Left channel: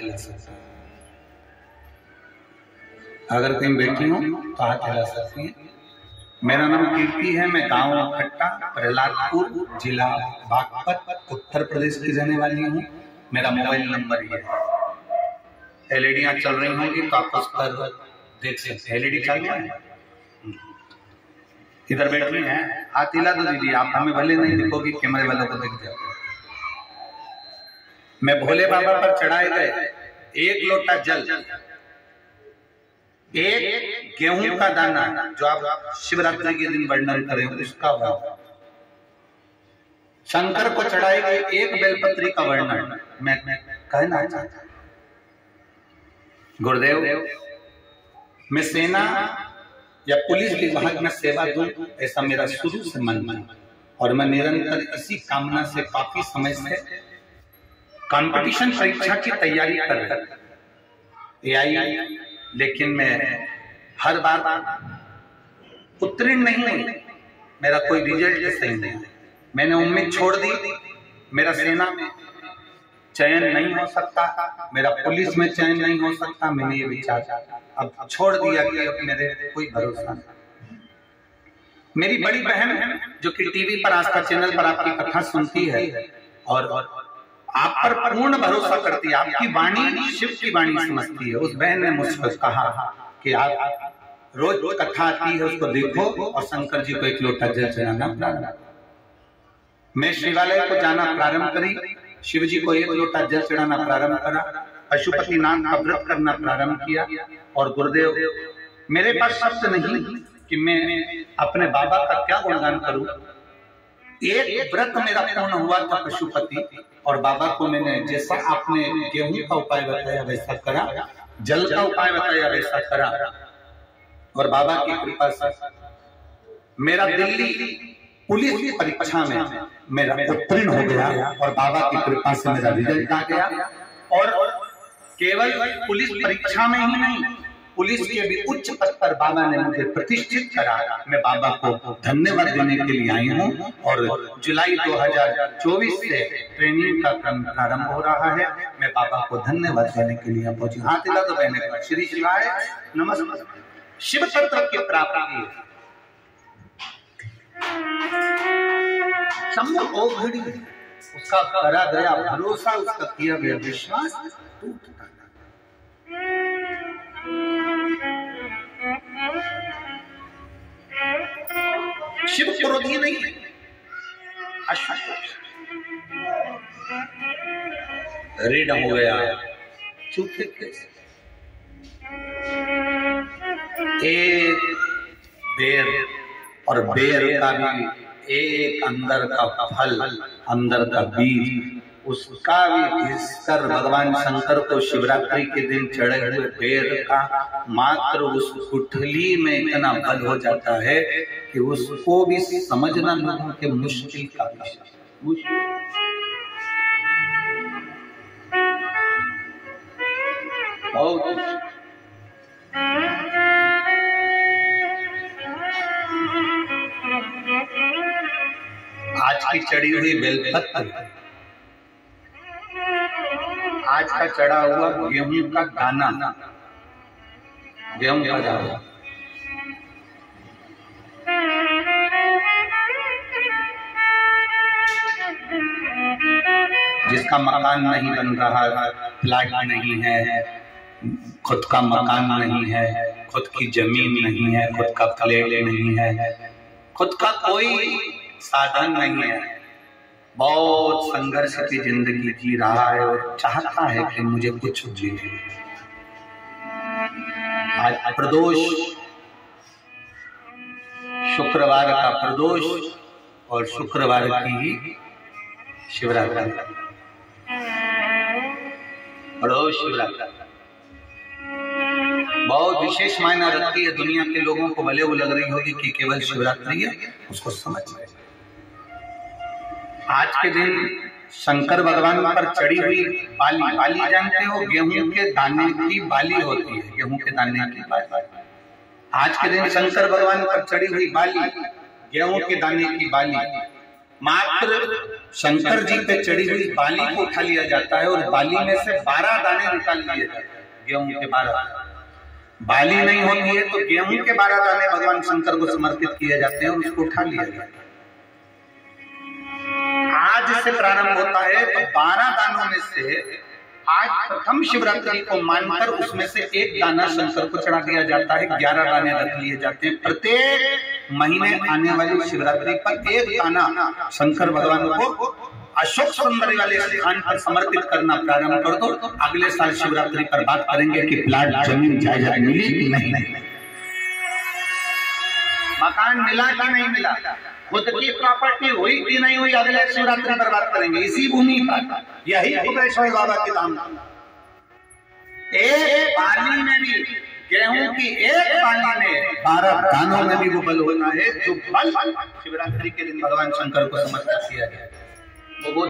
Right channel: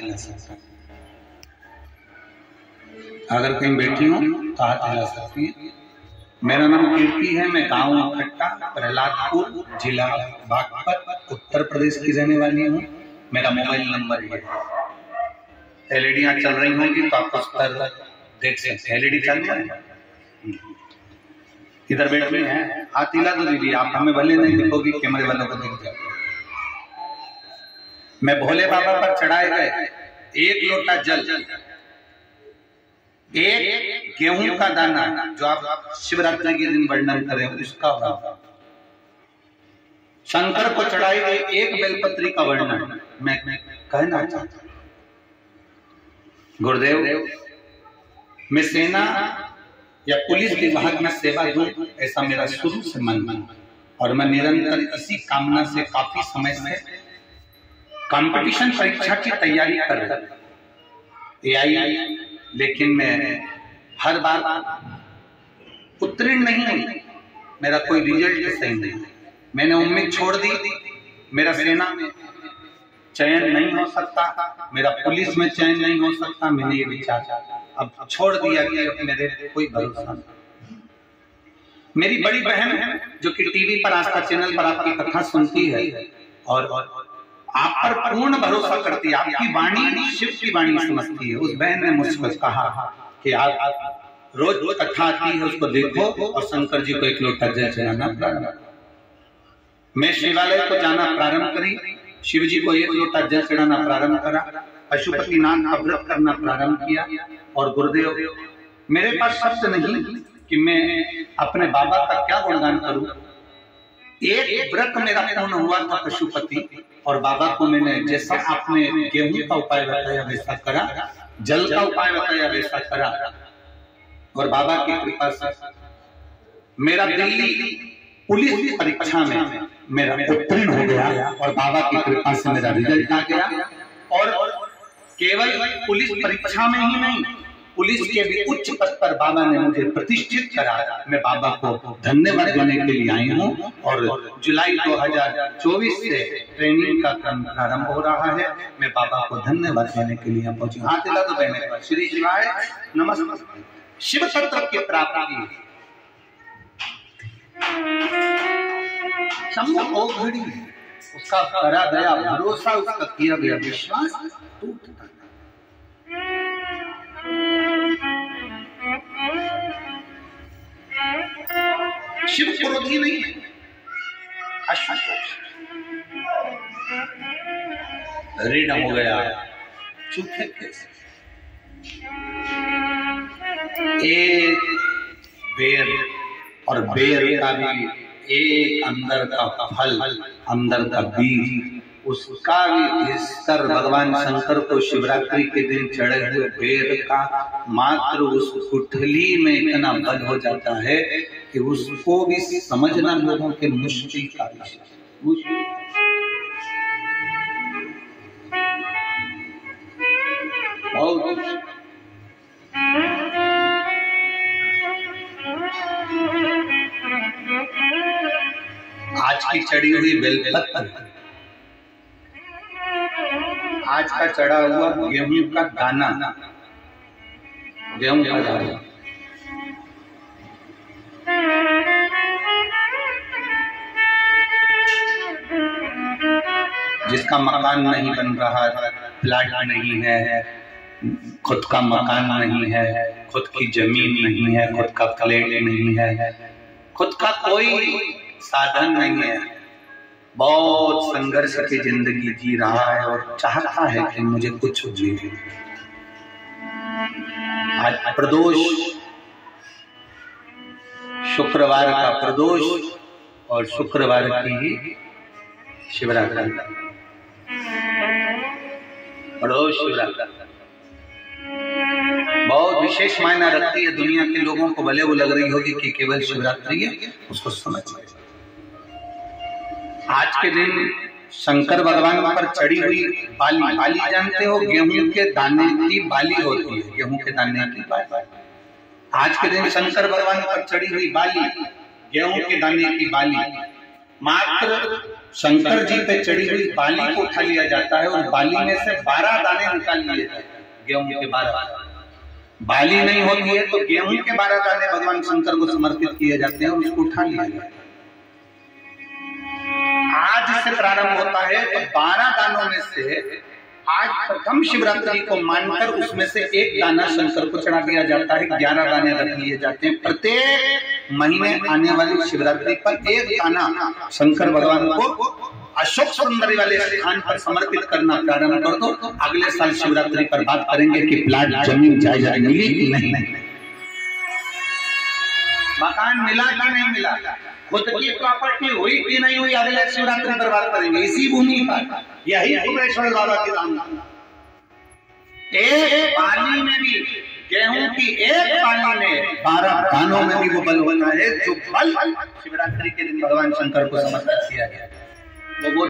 हिला सकते हैं। अगर कहीं बैठी हो तो हाथ हिला सकती हैं। मेरा नाम कीर्ति है, मैं गांव खट्टा प्रहलादपुर जिला बागपत उत्तर प्रदेश की रहने वाली हूँ। मेरा मोबाइल नंबर ये है। एलईडियां चल रही होंगी तो आप उस पर देख सकते हैं। एलईडी चल रहा है, इधर बैठ रही है, हाथ हिला दो दीदी। आप हमें भले नहीं दिखोगी, कैमरे वालों को दिख जाओ। मैं भोले बाबा पर चढ़ाए गए 1 लोटा जल, 1 गेहूं का दाना, जो आप शिवरात्रि के दिन वर्णन करें उसका वर्णन, शंकर को चढ़ाई गई 1 बेलपत्री का वर्णन मैं कहना चाहता हूं। गुरुदेव, मैं सेना या पुलिस विभाग में सेवा दूं, ऐसा मेरा शुरू से मन था और मैं निरंतर इसी कामना से काफी समय से कंपटीशन परीक्षा की तैयारी कर रहा था। लेकिन मैं हर बार उत्तीर्ण नहीं हुई, मेरा कोई रिजल्ट सही नहीं। मैंने उम्मीद छोड़ दी, मेरा सेना में चयन नहीं हो सकता, मेरा पुलिस में चयन नहीं हो सकता। मैंने ये विचार अब छोड़ दिया कि अब मेरे कोई भरोसा नहीं। मेरी बड़ी बहन है जो कि टीवी पर आस्था चैनल पर आपकी कथा सुनती है और आप पर पूर्ण भरोसा करती है, आपकी वाणी शिव की वाणी समझती है। उस बहन ने मुझको कहा कि आप रोज कथा आती है उसको देखो और शंकर जी को 1 लोटा जल चढ़ाना प्रारंभ करो। मैं शिवालय को जाना प्रारंभ करी, शिव जी को 1 लोटा जल चढ़ाना प्रारंभ करा, पशुपति नाम का व्रत करना प्रारंभ किया। और गुरुदेव, मेरे पास शब्द नहीं कि मैं अपने बाबा का क्या गुणगान करूं। एक व्रत मेरा पूर्ण हुआ था पशुपति, और बाबा को मैंने जैसा आपने गेहूं का उपाय बताया वैसा करा, जल का उपाय बताया वैसा करा, और बाबा की कृपा से मेरा दिल्ली पुलिस परीक्षा में मेरा उत्तीर्ण हो गया और बाबा की कृपा से मेरा रिजल्ट आ गया। और केवल पुलिस परीक्षा में ही नहीं, पुलिस के भी उच्च पद पर बाबा ने मुझे प्रतिष्ठित करा। मैं बाबा को धन्यवाद देने के लिए आई हूँ। और जुलाई 2024 से ट्रेनिंग का क्रम प्रारंभ हो रहा है। मैं बाबा को धन्यवाद देने के लिए पहुंची। हाथ हिला दो बहने। श्री शिवाय नमस्कार। शिव तत्व की प्राप्ति शंभु ओघड़ी, उसका करा गया भरोसा, उसका किया गया विश्वास टूटता नहीं। शिव क्रोधी नहीं है, रीड हो गया चूखे कैसे। एक बेर और बेर का भी एक अंदर का फल, अंदर का बीज, उसका भी घिसकर भगवान शंकर को शिवरात्रि के दिन चढ़े हुए बेर का मात्र उस गुठली में इतना बल हो जाता है कि उसको भी समझना लोगों के मुश्किल का विषय। आज की चढ़ी हुई बेलपत्र, आज का चढ़ा हुआ गेहूं का दाना, गेहूं का दाना, जिसका मकान नहीं बन रहा, फ्लैट नहीं है, खुद का मकान नहीं है, खुद की जमीन नहीं है, खुद का फ्लैट नहीं है, खुद का कोई साधन नहीं है, बहुत संघर्ष की जिंदगी जी रहा है और चाहता है कि मुझे कुछ मिले। आज प्रदोष, शुक्रवार का प्रदोष और शुक्रवार की शिवरात्रि, प्रदोष शिवरात्रि बहुत विशेष मायना रखती है। दुनिया के लोगों को भले वो लग रही होगी कि केवल शिवरात्रि है, उसको समझ में। आज के दिन शंकर भगवान पर चढ़ी हुई बाली, बाली जानते हो, गेहूं के दाने की बाली होती है, गेहूं के दाने की बाली। आज के दिन शंकर भगवान पर चढ़ी हुई बाली, गेहूं के दाने की बाली, मात्र शंकर जी पे चढ़ी हुई बाली को उठा लिया जाता है और बाली में से 12 दाने निकाल लिए जाते हैं। गेहूं के 12 बाली नहीं होती है तो गेहूं के 12 दाने भगवान शंकर को समर्पित किए जाते हैं और उसको उठा लिया जाता है। आज से प्रारंभ होता है तो 12 दानों में से आज प्रथम शिवरात्रि को मानकर उसमें से एक दाना शंकर को चढ़ा दिया जाता है। 11 दाने रख लिए जाते हैं। प्रत्येक महीने आने वाली शिवरात्रि पर एक दाना शंकर भगवान को अशोक सुंदरी वाले स्थान पर समर्पित करना प्रारंभ कर दो। अगले साल शिवरात्रि पर बात करेंगे कि प्लाट जमीन जायदाद मिली कि नहीं, मकान मिला कि नहीं मिला, खुद की प्रॉपर्टी हुई कि नहीं हुई, अगले शिवरात्रि पर बात करेंगे। इसी भूमि पर यही कुबेरेश्वर बाबा की धाम। एक बाली में भी, गेहूं की एक बाली में 12 दानों में भी वो बल होना है जो बल शिवरात्रि के दिन भगवान शंकर को समर्पित किया गया।